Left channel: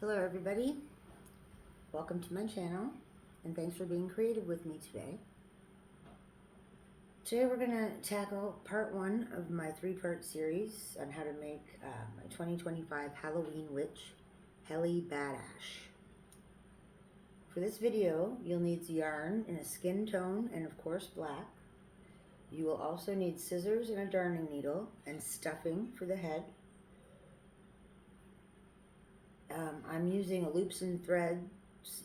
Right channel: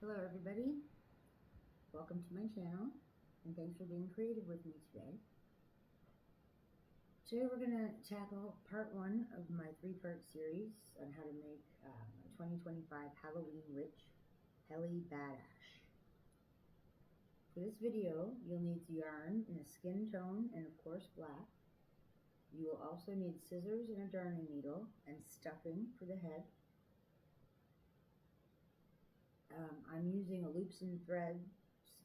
Hello everybody, welcome to my channel and thanks for being creative with me today. Today we're going to tackle part 1 of my 3-part series on how to make my 2025 Halloween witch, Helly Badash. For this video you'll need yarn in a skin tone and of course black. You will also need scissors and a darning needle and stuffing for the head. I'm using a loops and threads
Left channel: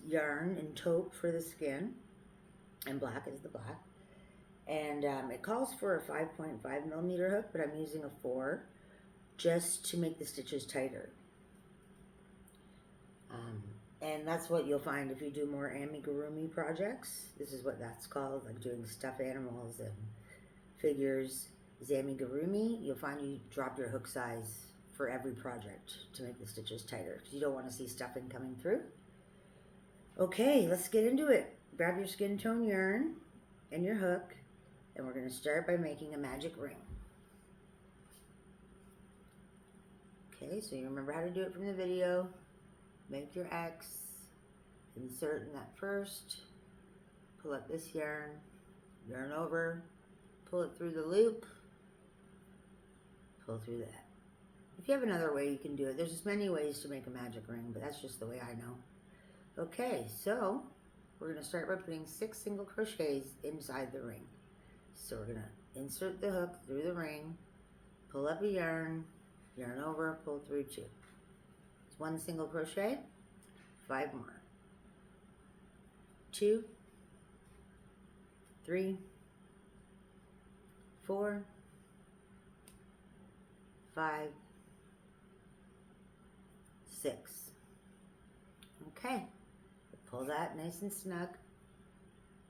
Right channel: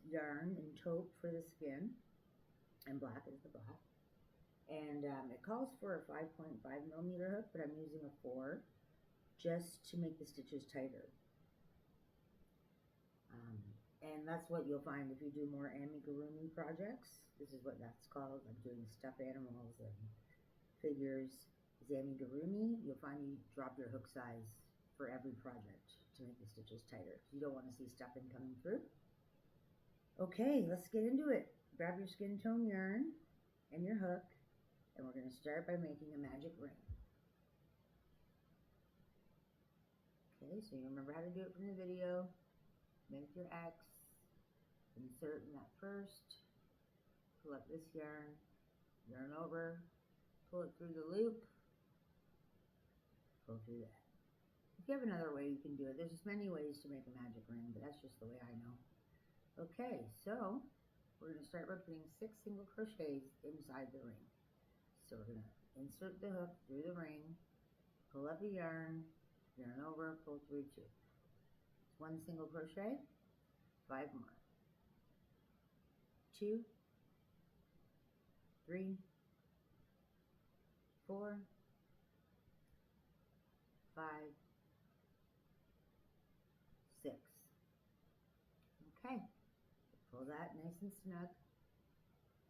yarn in taupe for the skin, and black is the black. And it calls for a 5.5 millimeter hook, but I'm using a 4 just to make the stitches tighter. And that's what you'll find if you do more amigurumi projects. This is what that's called, like doing stuffed animals and figures is amigurumi. You'll find you drop your hook size for every project to make the stitches tighter because you don't want to see stuffing coming through. Okay, let's get into it. Grab your skin tone yarn and your hook, and we're going to start by making a magic ring. Okay, so you remember how to do it from the video. Make your X, insert in that first, pull up this yarn over, pull it through the loop, pull through that. If you have another way you can do it, there's as many ways to make a magic ring, but that's just the way I know. Okay, so we're going to start by putting 6 single crochets inside the ring. So we're going to insert the hook through the ring, pull up a yarn over, pull through 2. It's 1 single crochet, 5 more. 2, 3, 4, 5, 6. Okay, pull that nice and snug,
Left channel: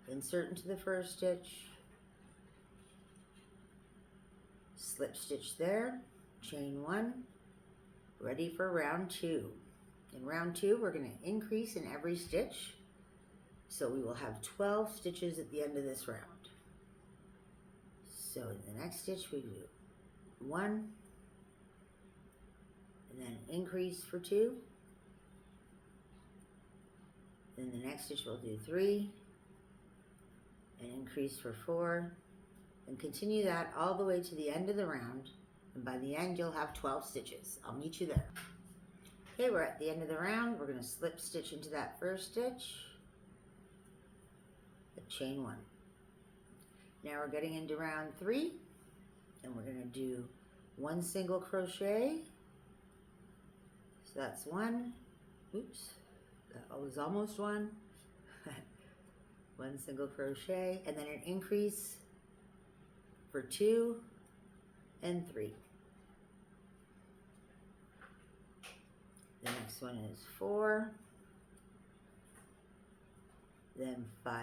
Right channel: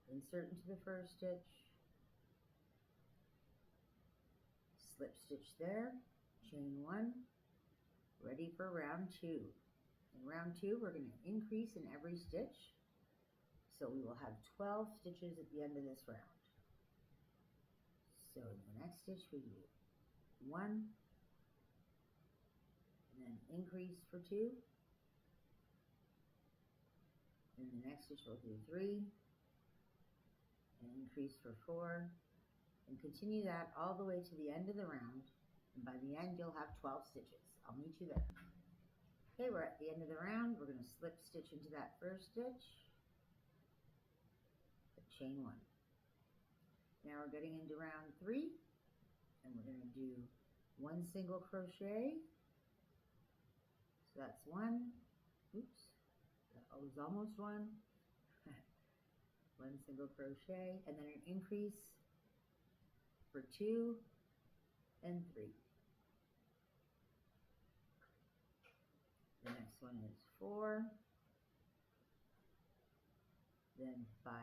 insert into the first stitch, slip stitch there, chain 1, ready for round 2. In round 2 we're going to increase in every stitch, so we will have 12 stitches at the end of this round. So in the next stitch we do 1, and then increase for 2. Then the next stitch we'll do 3, and increase for 4, and continue that all the way to the end of the round, and by the end you'll have 12 stitches. I'll meet you there. Okay, we're at the end of the round. We're going to slip stitch into that first stitch, chain 1. Now we're getting into round 3, and we're going to do 1 single crochet. So that's 1, oops, that was almost 1. 1 single crochet, and then an increase for 2 and 3. The next one is 4, then 5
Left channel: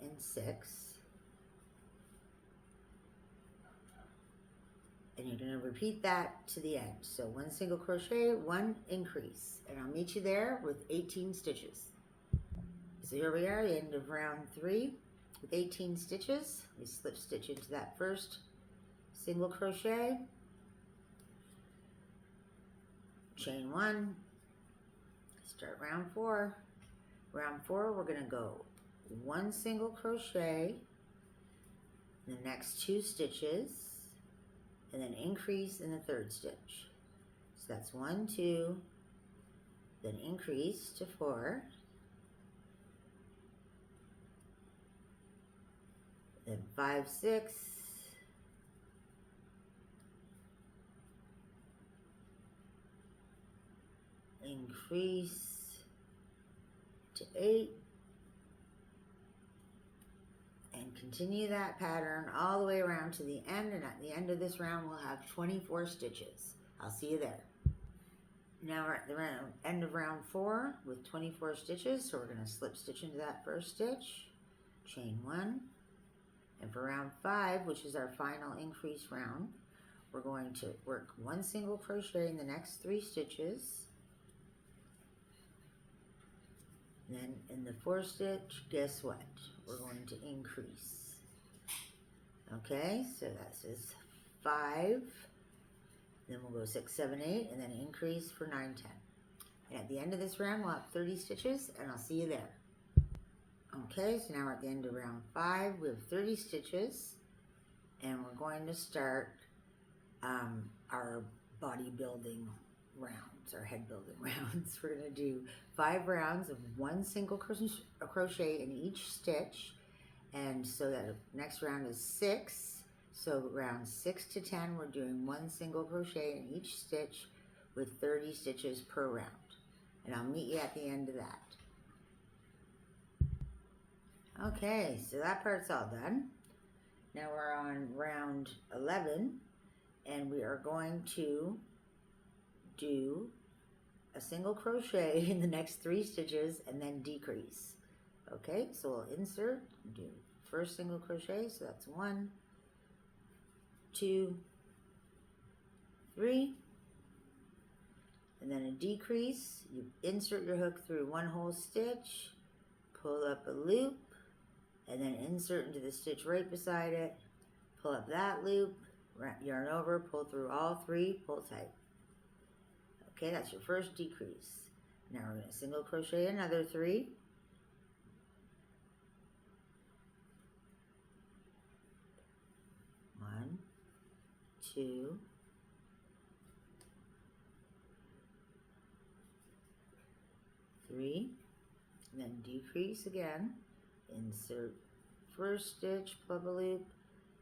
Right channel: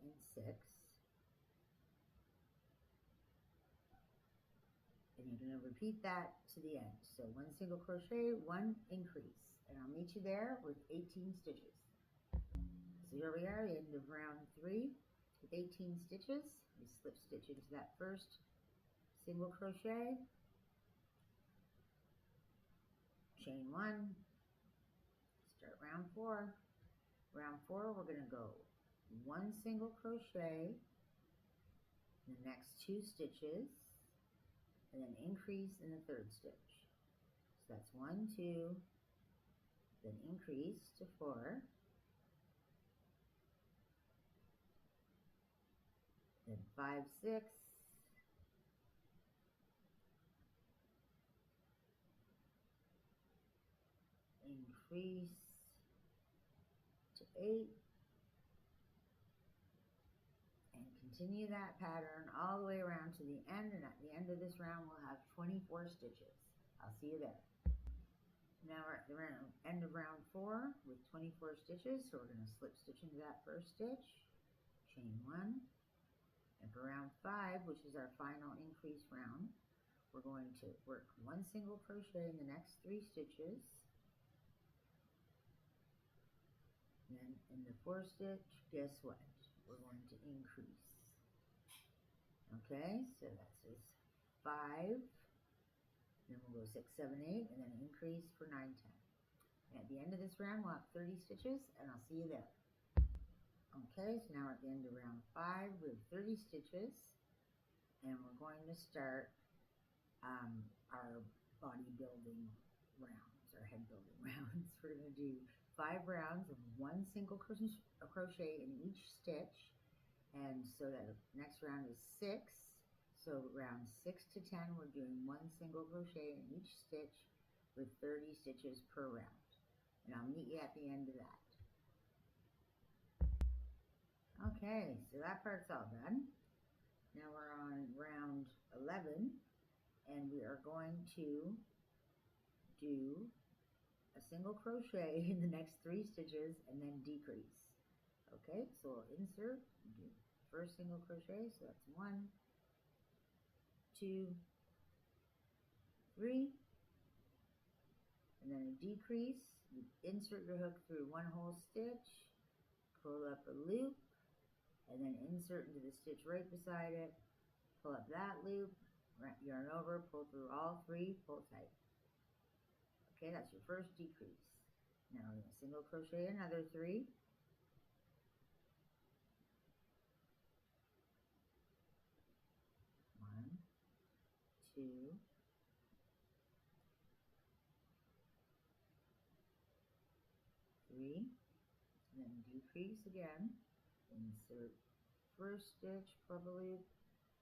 and 6, and you're going to repeat that to the end. So 1 single crochet, 1 increase, and I'll meet you there with 18 stitches. So here we are, the end of round 3 with 18 stitches. We slip stitch into that first single crochet, chain 1, start round 4. Round 4 we're going to go 1 single crochet, the next 2 stitches, and then increase in the third stitch. So that's 1, 2, then increase to 4, then 5, 6, increase to 8, and continue that pattern all the way around to the end, and at the end of this round we'll have 24 stitches. I'll see you there. Now we're at the end of round 4 with 24 stitches, so we're going to slip stitch into that first stitch, chain 1, and for round 5, which is our final increase round, we're going to work 1 single crochet in the next 3 stitches. Then in the 4th stitch, guess what? We're going to increase. Okay, so that is 5, then we'll go 6, 7, 8, and then increase for 9, 10. And at the end of this round, we'll have 30 stitches, and I'll see you there. Okay, so now we're at the end of round 5. We have 30 stitches, and we're going to start our bodybuilding rounds, our head building rounds. We're going to do 5 rounds of 1 single crochet in each stitch, and so that next round is 6. So round 6 to 10, we're doing 1 single crochet in each stitch with 30 stitches per round. And I'll meet you at the end of that. Okay, so that part's all done. Now we're on round 11, and we are going to do a single crochet in the next 3 stitches and then decrease. Okay, so we'll insert, do first single crochet, so that's 1, 2, 3, and then a decrease. You insert your hook through 1 whole stitch, pull up a loop, and then insert into the stitch right beside it, pull up that loop, yarn over, pull through all 3, pull tight. Okay, that's your first decrease. Now we're going to single crochet another 3. One, 2, 3, and then decrease again. Insert first stitch, pull up a loop,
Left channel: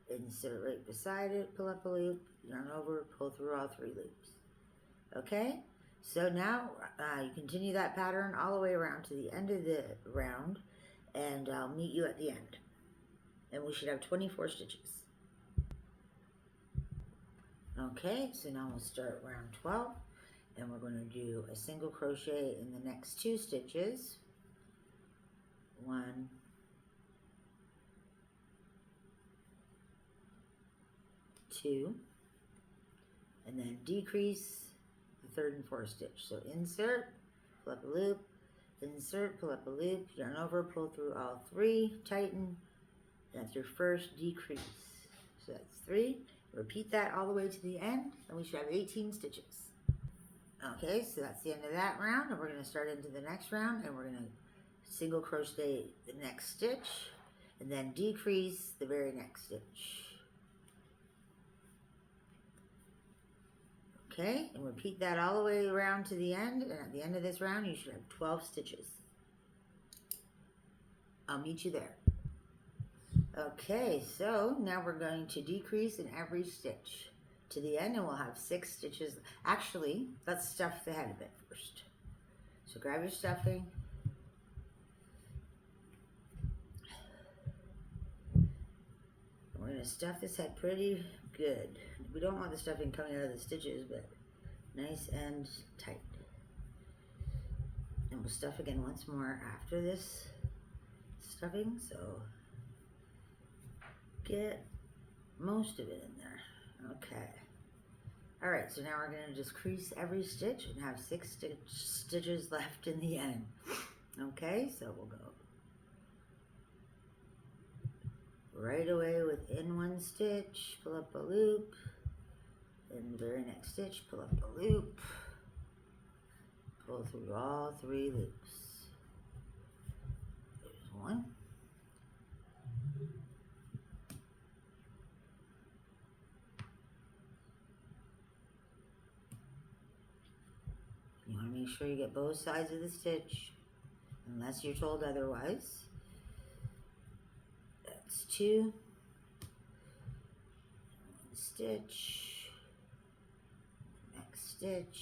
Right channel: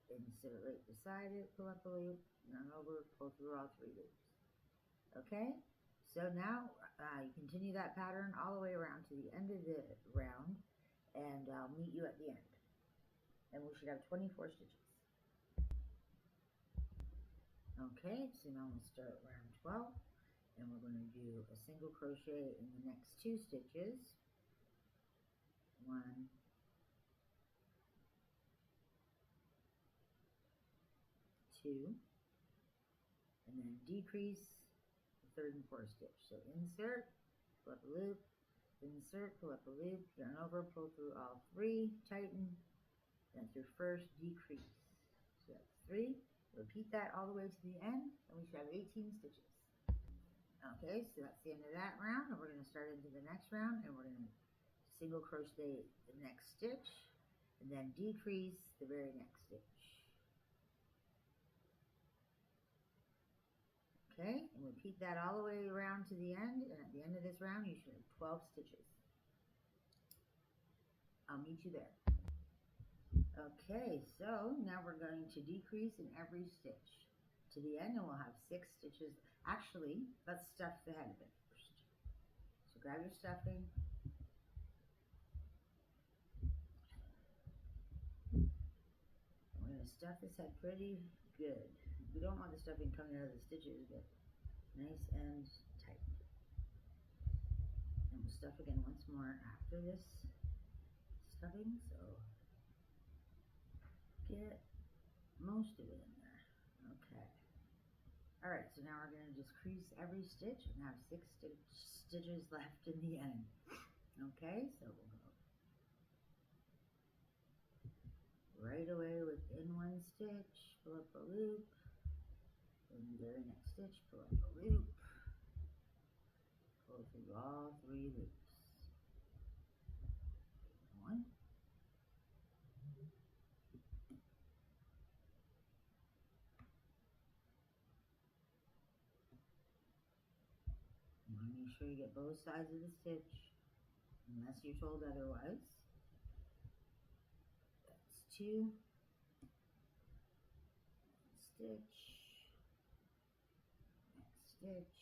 insert right beside it, pull up a loop, yarn over, pull through all 3 loops. Okay, so now you continue that pattern all the way around to the end of the round, and I'll meet you at the end. And we should have 24 stitches. Okay, so now we'll start round 12, and we're going to do a single crochet in the next 2 stitches. 1, 2, and then decrease the 3rd and 4th stitch. So insert, pull up a loop, insert, pull up a loop, yarn over, pull through all 3, tighten. That's your first decrease. So that's 3. Repeat that all the way to the end, and we should have 18 stitches. Okay, so that's the end of that round, and we're going to start into the next round, and we're going to single crochet the next stitch, and then decrease the very next stitch. Okay, and repeat that all the way around to the end, and at the end of this round, you should have 12 stitches. I'll meet you there. Okay, so now we're going to decrease in every stitch to the end, and we'll have 6 stitches. Actually, let's stuff the head a bit first. So grab your stuffing. We're going to stuff this head pretty good. We don't want the stuffing coming out of the stitches, but nice and tight. And we'll stuff again once more after this stuffing, so get most of it in there. Okay. All right, so now we're going to just crease every stitch and have 6 stitches left in the end. Okay, so we'll go right away within 1 stitch, pull up a loop, in the very next stitch, pull up a loop, pull through all 3 loops. There's 1. You want to make sure you get both sides of the stitch, unless you're told otherwise. That's 2. 1 stitch. Next stitch.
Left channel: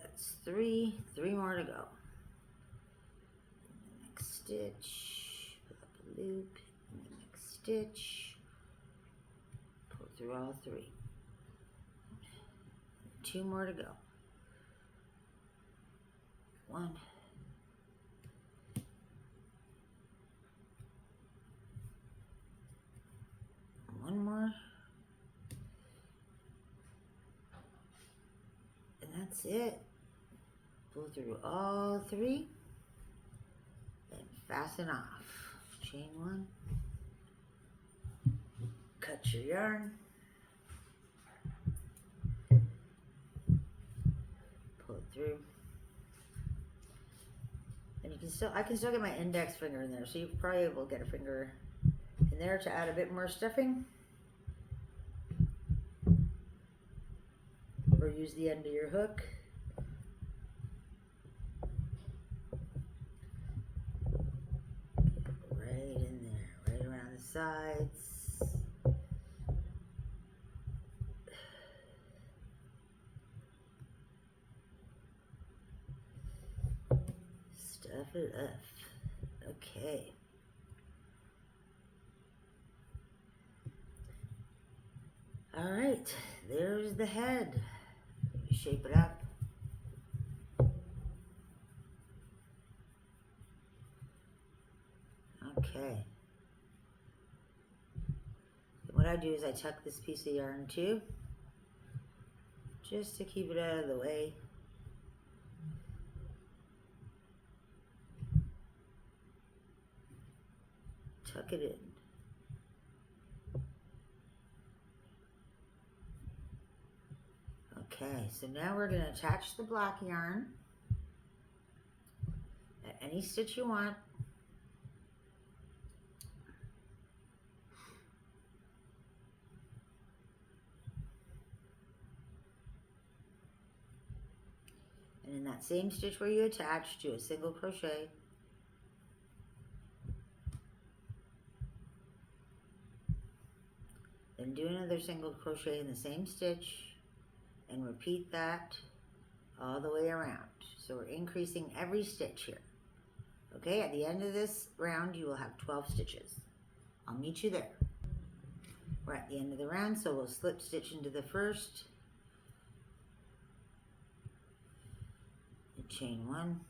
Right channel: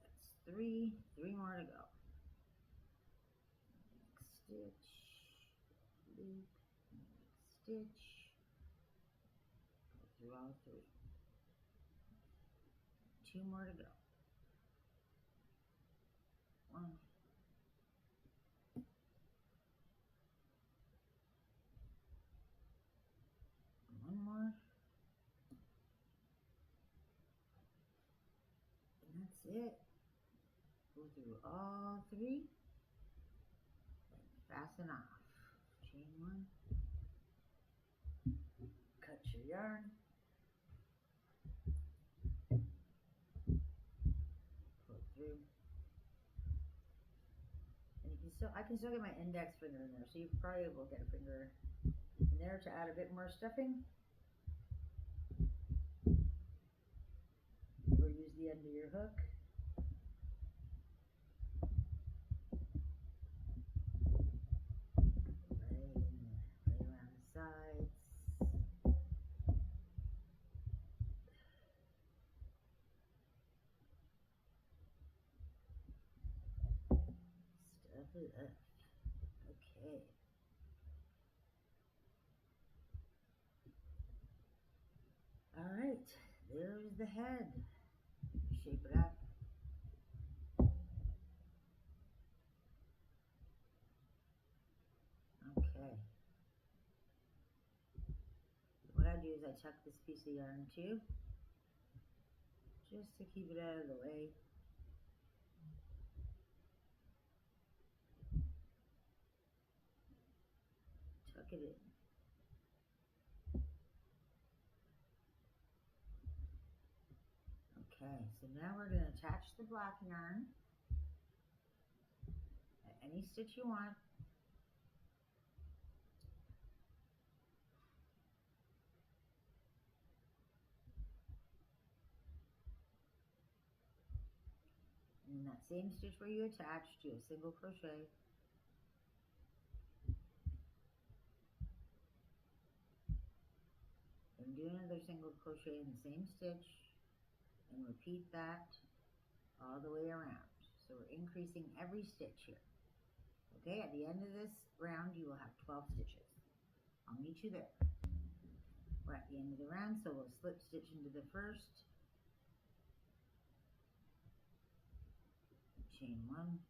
That's 3. 3 more to go. Next stitch. Pull up a loop. And the next stitch. Pull through all 3. 2 more to go. 1. 1 more. And that's it. Pull through all 3 and fasten off. Chain 1. Cut your yarn. through. And you can still, I can still get my index finger in there, so you probably will get a finger in there to add a bit more stuffing. Or use the end of your hook. Right in there, right around the sides. Stuff it up. Okay. All right, there's the head. Shape it up. Okay. What I do is I tuck this piece of yarn too, just to keep it out of the way. Tuck it in. Okay, so now we're going to attach the black yarn at any stitch you want. And in that same stitch where you attach, do a single crochet. Then do another single crochet in the same stitch and repeat that all the way around. So we're increasing every stitch here. Okay, at the end of this round you will have 12 stitches. I'll meet you there. We're at the end of the round, so we'll slip stitch into the first and chain one.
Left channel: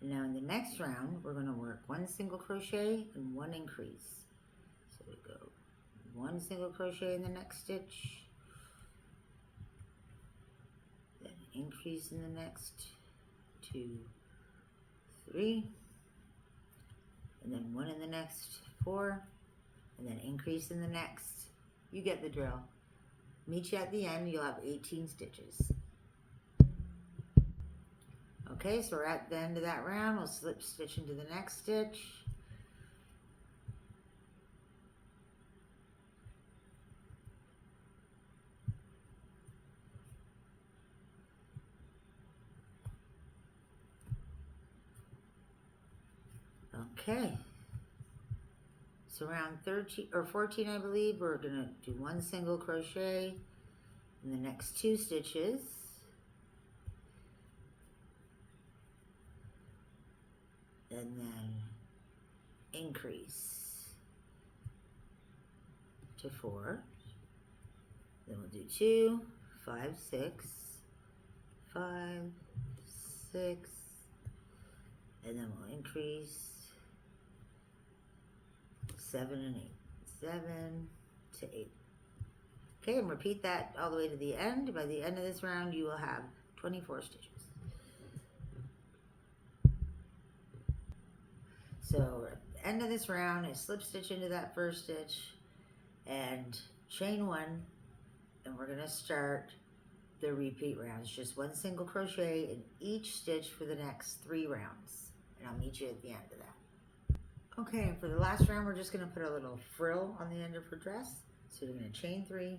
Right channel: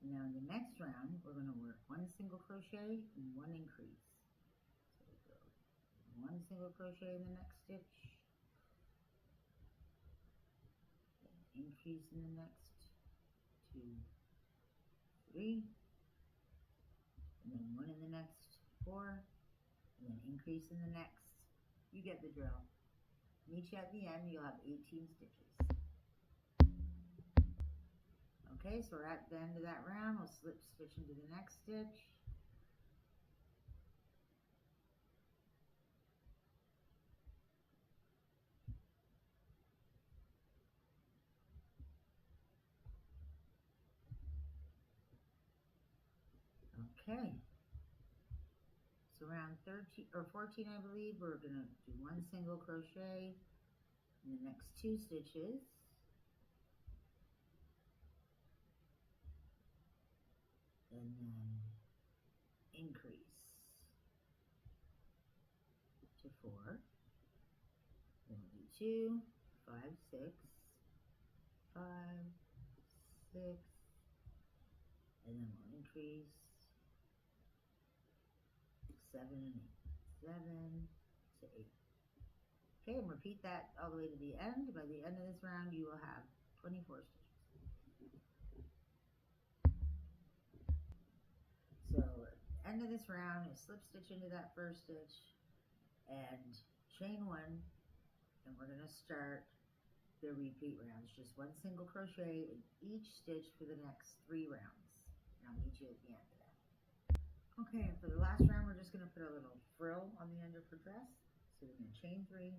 And now in the next round we're going to work one single crochet and one increase. So we go one single crochet in the next stitch, then increase in the next 2, 3, and then one in the next 4, and then increase in the next. You get the drill. Meet you at the end, you'll have 18 stitches. Okay, so we're at the end of that round. We'll slip stitch into the next stitch. Okay, so around 13 or 14, I believe, we're gonna do one single crochet in the next 2 stitches. And then increase to 4. Then we'll do 2, 5, 6, 5, 6, and then we'll increase 7 and 8, 7 to 8. Okay, and repeat that all the way to the end. By the end of this round, you will have 24 stitches. So at the end of this round, I slip stitch into that first stitch and chain 1, and we're going to start the repeat rounds. Just one single crochet in each stitch for the next 3 rounds, and I'll meet you at the end of that. Okay, and for the last round, we're just going to put a little frill on the end of her dress. So you're going to chain 3,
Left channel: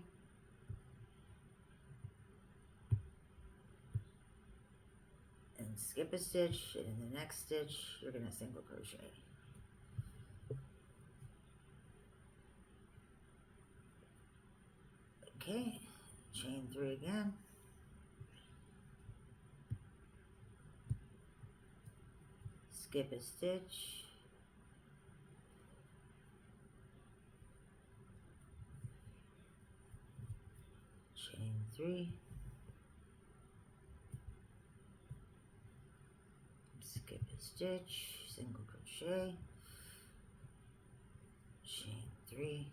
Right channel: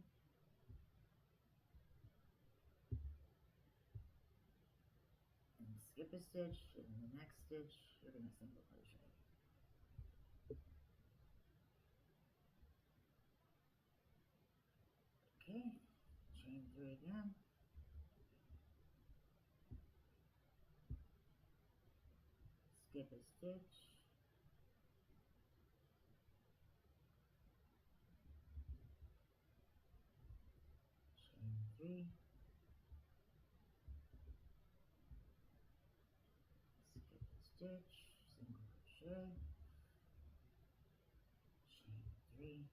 and skip a stitch, and in the next stitch, you're going to single crochet. Okay, chain 3 again. Skip a stitch. Chain 3. Skip a stitch, single crochet. Chain 3.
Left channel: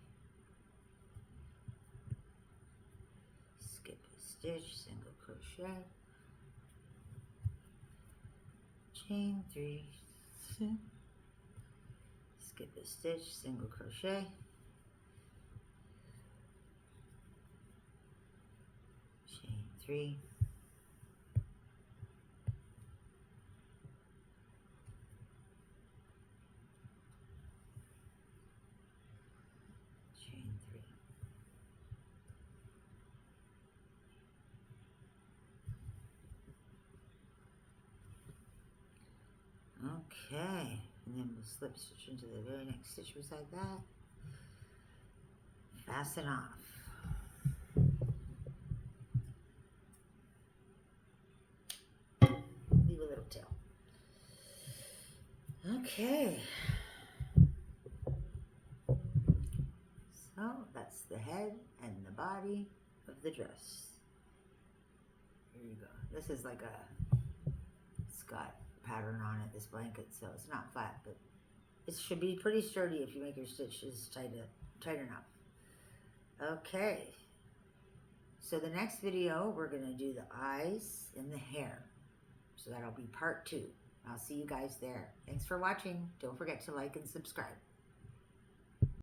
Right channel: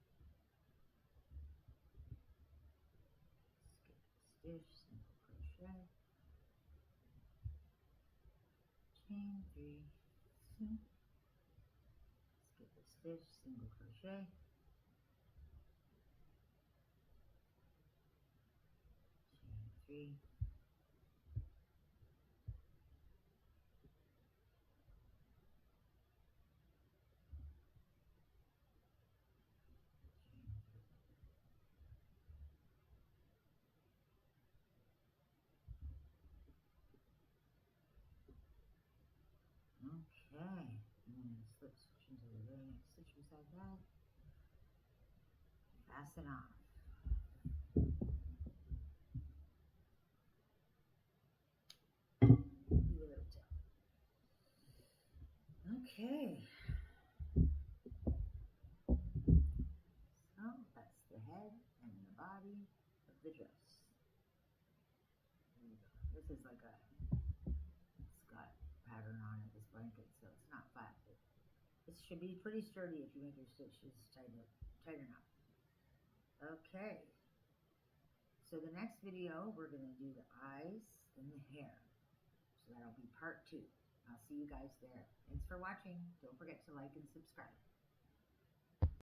Skip a stitch, single crochet. Chain 3. Skip a stitch, single crochet. Chain 3. Okay, and then we'll slip stitch into the very next stitch beside that. Fasten off. Leave a little tail. Okay. So that's the head and the body of the dress. Here you go. This is like it's got pattern on it, this blanket, so it's not flat, but it should be pretty sturdy if you make your stitches tight enough. Okay. So the next video, we're going to do the eyes and the hair. So that'll be part 2. I'll see you guys there. Thanks for watching. Don't forget to like and subscribe.